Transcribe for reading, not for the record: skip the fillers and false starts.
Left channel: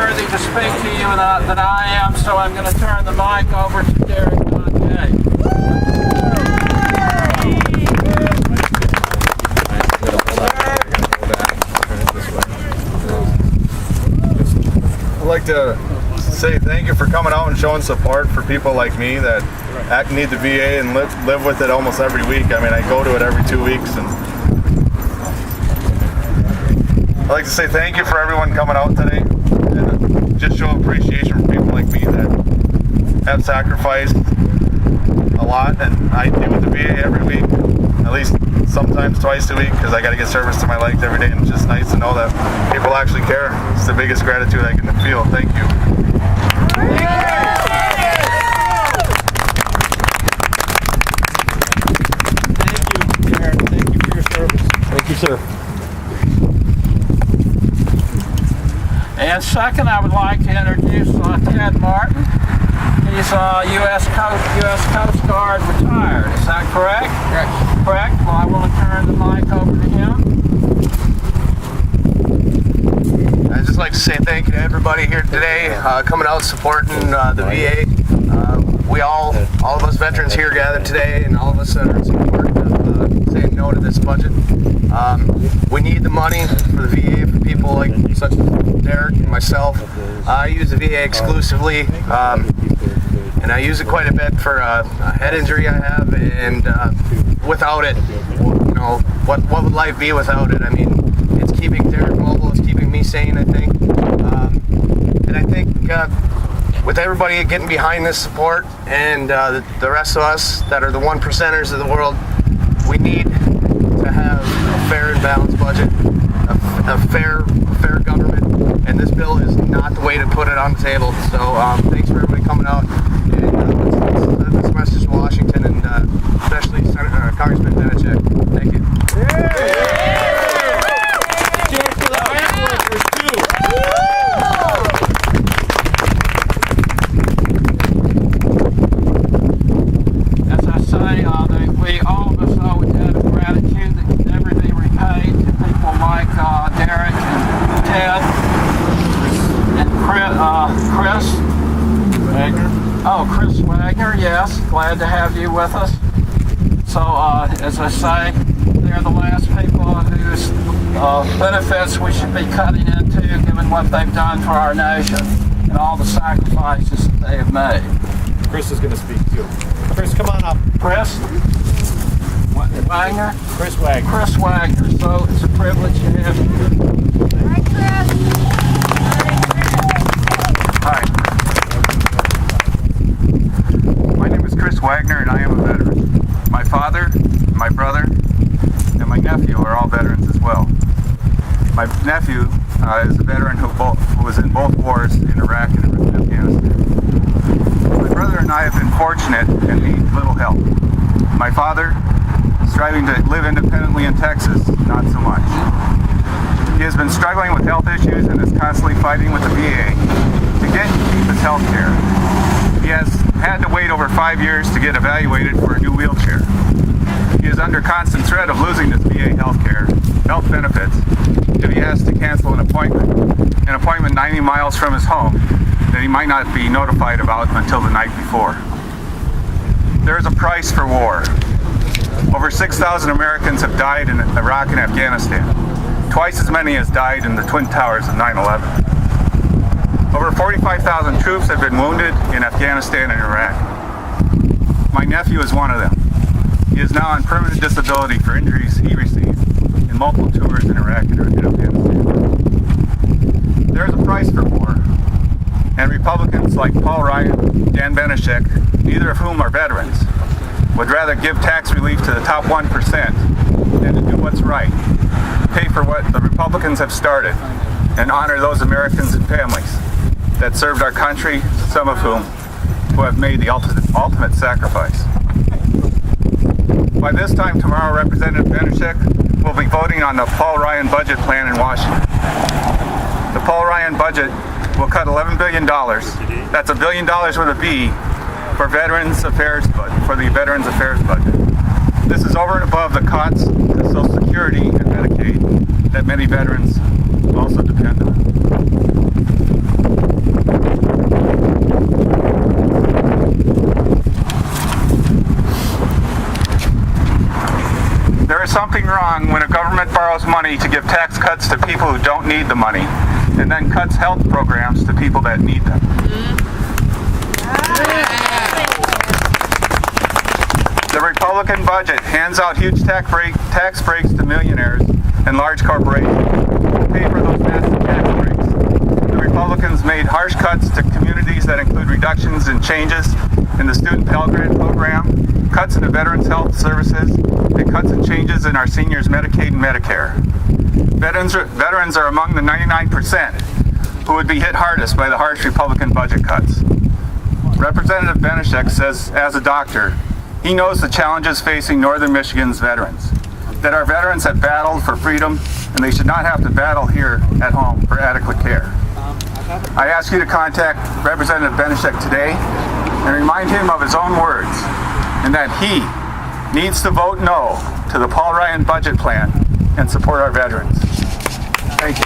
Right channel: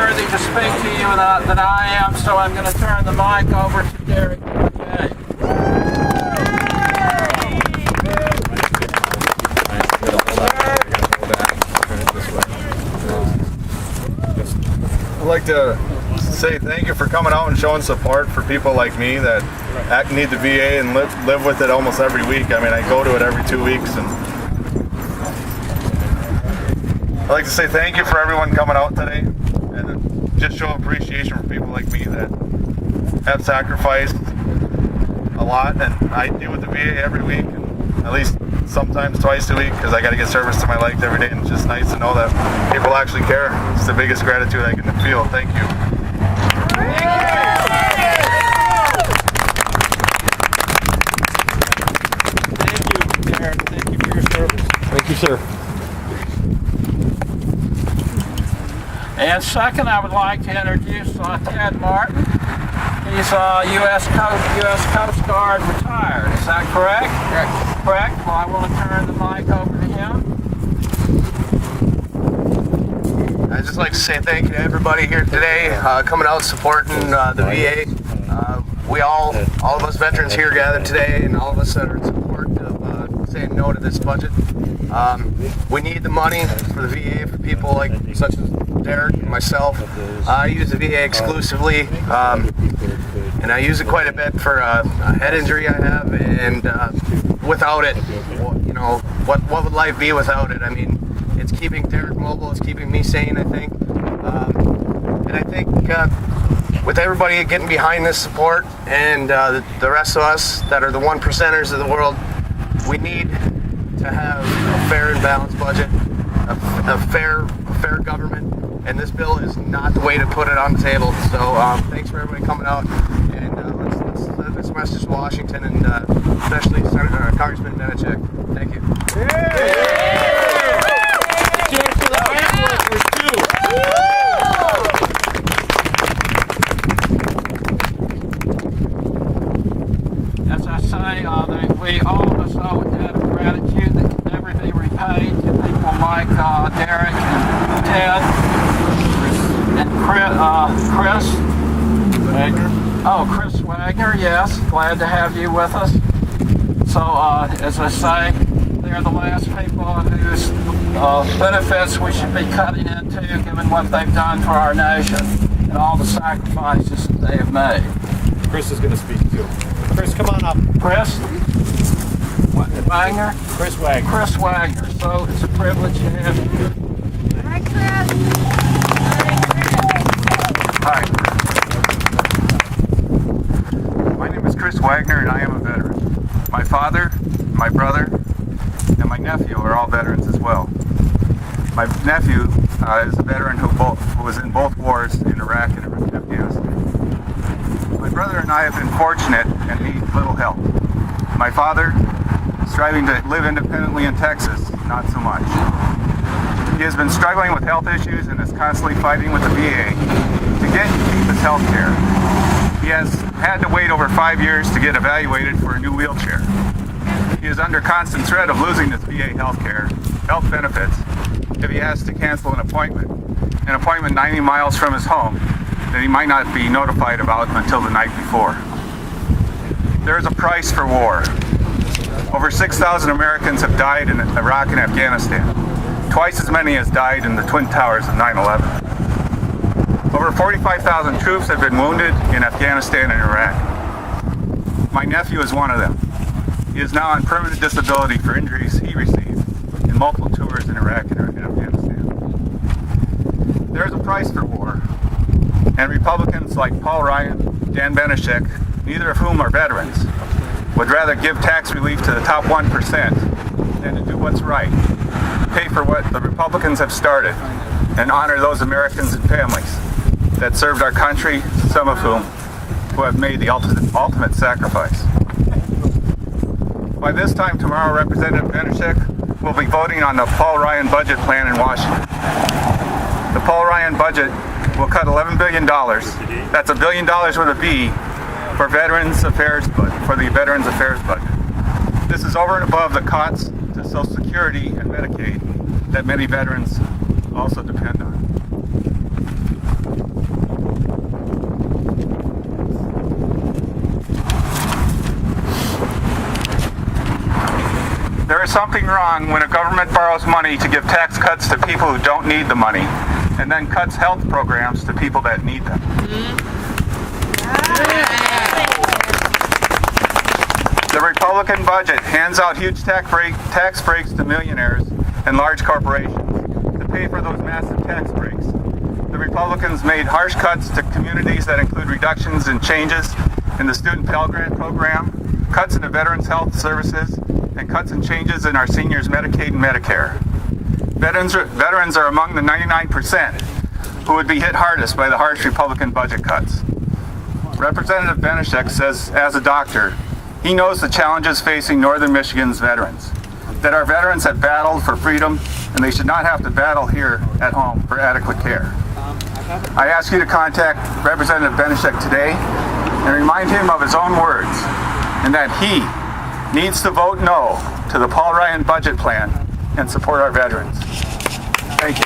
worthy to speak to you than I am, so I'm going to turn the mic over to Derek Gauthier. I'd like to say thank you for coming out and showing support for people like me that need the VA and live with it almost every week. I mean, I go to it every 2 weeks, and I'd like to say thank you for everyone coming out today and just show appreciation for people like me that have sacrificed a lot, and I deal with the VA every week, at least sometimes twice a week, because I got to get service to my legs every day, and it's just nice to know that people actually care. It's the biggest gratitude I can feel. Thank you. Thank you, Darren. Thank you for your service. Thank you, sir. And second, I would like to introduce Ted Martin. He's U.S. Coast Guard retired. Is that correct? Correct. Well, I want to turn the mic over to him. I'd just like to say thank you to everybody here today, coming out supporting the VA. We all of us veterans here gathered today, and all of us that are in support of saying no to this budget. We need the money for the VA for people like such as Derek and myself. I use the VA exclusively, and I use it quite a bit for a head injury I have, and without it, you know, what would life be without it? I mean, it's keeping Derek mobile, it's keeping me sane, I think. And I think with everybody getting behind this support, and the rest of us that are the 1%ers of the world, we need to have a fair and balanced budget, a fair government, and this bill is not the way to put it on the table. So thanks for everybody coming out, and let's send this message to Washington, and especially Congressman Benešík. Thank you. As I say, we all of us owe a debt of gratitude that can never be repaid to people like Derek and Ted and Chris Wagner. Oh, Chris Wagner, yes. Glad to have you with us. So, as I say, they're the last people whose benefits we should be cutting into, given what they've done for our nation and all the sacrifices that they have made. Chris is going to speak too. Chris, come on up. Chris Wagner? Chris Wagner. Chris Wagner. So, it's a privilege to have you. Hi, Chris. Hi. My name is Chris Wagner, and I am a veteran. My father, my brother, and my nephew are all veterans as well. My nephew is a veteran who was in both wars in Iraq and Afghanistan. My brother and I have been fortunate and need little help. My father, striving to live independently in Texas, not so much. He has been struggling with health issues and is constantly fighting with the VA to get and keep his health care. He has had to wait over 5 years to get evaluated for a new wheelchair. He is under constant threat of losing his VA health benefits, if he has to cancel an appointment 90 miles from his home that he might not be notified about until the night before. There is a price for war. Over 6,000 Americans have died in Iraq and Afghanistan, twice as many as died in the Twin Towers of 9/11. Over 45,000 troops have been wounded in Afghanistan and Iraq. My nephew is one of them. He is now on permanent disability for injuries he received in multiple tours in Iraq and Afghanistan. There is a price for war, and Republicans like Paul Ryan, Dan Benešík, neither of whom are veterans, would rather give tax relief to the top 1% than to do what's right, pay for what the Republicans have started, and honor those Americans and families that served our country, some of whom who have made the ultimate sacrifice. By this time tomorrow, Representative Benešík will be voting on the Paul Ryan budget plan in Washington. The Paul Ryan budget will cut $11 billion. That's $1 billion with a B for the Veterans Affairs budget. This is over and above the cuts to Social Security and Medicaid that many veterans also depend on. There's something wrong when a government borrows money to give tax cuts to people who don't need the money, and then cuts health programs to people that need them. The Republican budget hands out huge tax breaks to millionaires and large corporations to pay for those massive tax breaks. The Republicans made harsh cuts to communities that include reductions and changes in the student Pell Grant program, cuts in the Veterans Health Services, and cuts and changes in our seniors' Medicaid and Medicare. Veterans are among the 99% who would be hit hardest by the harsh Republican budget cuts. Representative Benishek says, as a doctor, he knows the challenges facing Northern Michigan's veterans, that our veterans have battled for freedom and they should not have to battle here at home for adequate care. I ask you to contact Representative Benishek today and remind him of his own words and that he needs to vote no to the Paul Ryan budget plan and support our veterans. Thank you.